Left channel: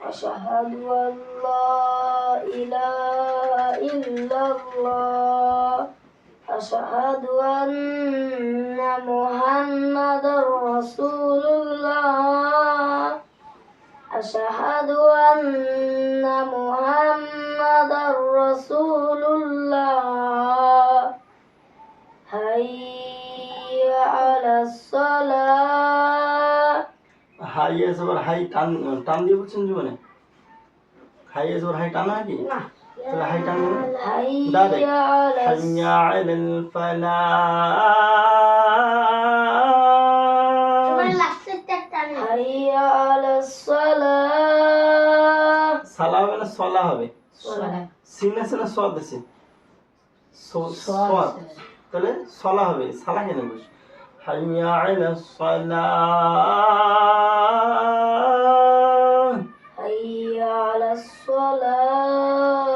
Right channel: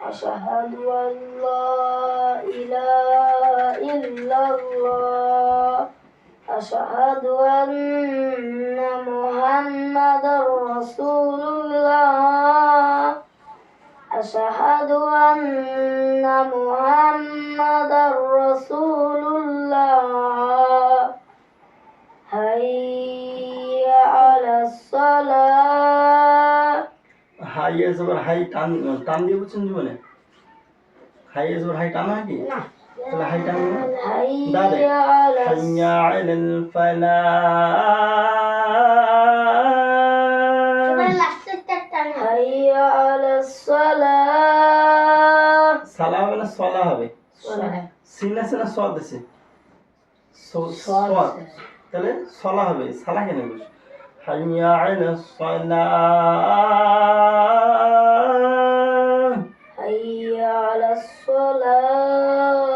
أشهد أن لا إله إلا الله أشهد أن محمدا رسول الله أشهد أن محمدا رسول الله حي على الصلاة high S over high টান টান দিয়ে বুঝছেন জীবনে হাই এস ওভার হাই টান নাকি তাহলে হাই টান ডাইরেক্ট হাইয়া আলাল ফালাহ حي على الصلاة সালা হবে না সলা হবে সিন আছে না সদ আছে সদ তাহলে সলা হবে সালা কেন বলছ হাইয়া আলাস সালাহ حي على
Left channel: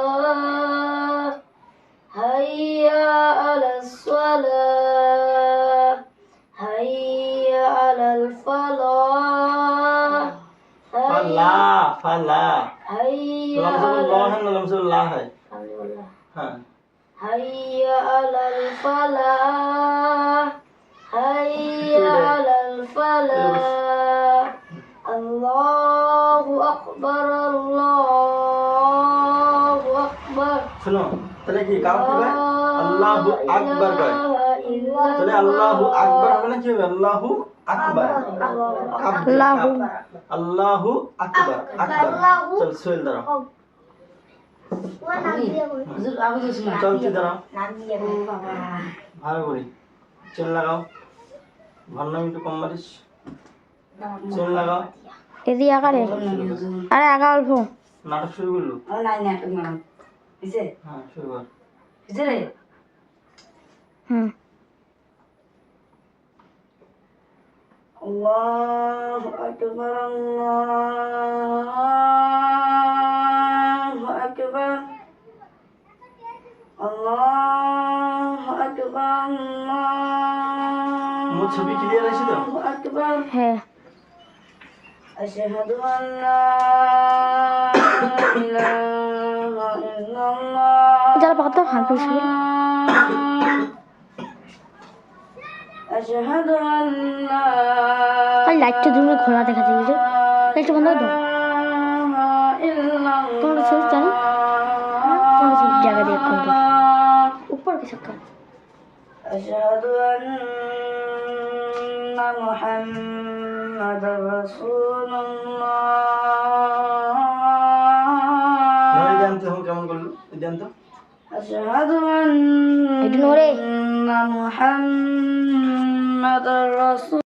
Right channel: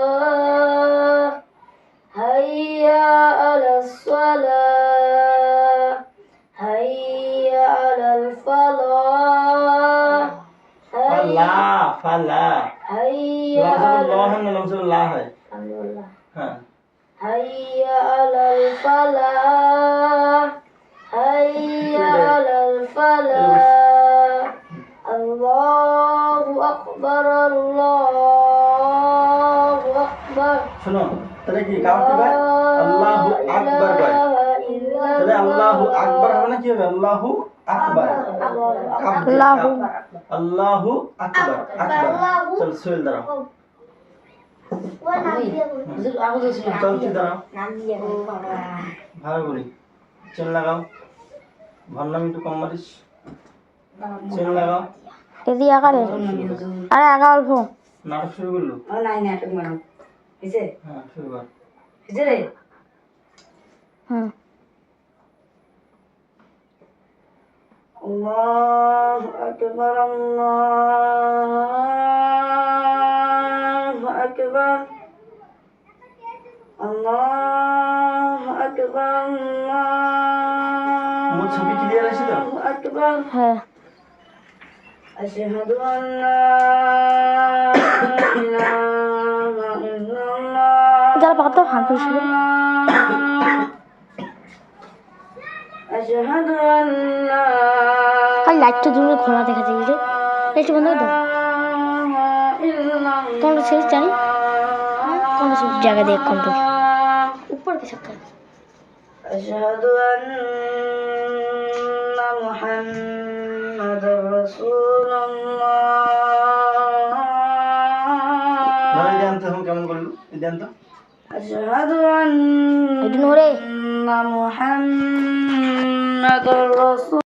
الصلاة حي على الصلاة حي على الفلاح ফালা ফালা حي লমজুল্লাহ على না লমজুল্লাহ হয় الحمد لله হ্যাঁ حي على الفلاح حي على الفلاح الله أكبر الله أكبر শুনো তাহলে কি কাউ কি ভাই আল্লাহু আকবার কয় তাহলে আল্লাহু আকবার হবে না কি হবে আল্লাহু আকবার আল্লাহু আল্লাহু আকবার আকবার চল সোহেল দাঁড়াও চল তুই দাঁড়াও ভালো করে চেন লাগাও ভান্নামি একটু কম মারিস চেন লাগাও এদি আকারে আরে আগা অল্প নাটক শুরু করলো নাই না তুমি মানো কিসে হ্যাঁ শুরু কর কিসে রে হুম আল্লাহু আকবার আল্লাহু আকবার আল্লাহু আকবার মোর ছবি ক্লিয়ার আছে তো আল্লাহু আকবার হ্যাঁ أشهد أن لا إله إلا الله যারা পাতা হাঁটু শুরু أشهد أن لا আর লাইটটা জুমে খোলা দেখা যায় যে লাইটটা বন্ধ দাও কোন শেষ জানি কোন শেষ জায়গা দিয়ে কোন উপর কিছু কাজ أشهد أن محمد رسول الله না এই দেন তো কেমন করলো এই দেন তো أشهد أن এটা নোরে محمد رسول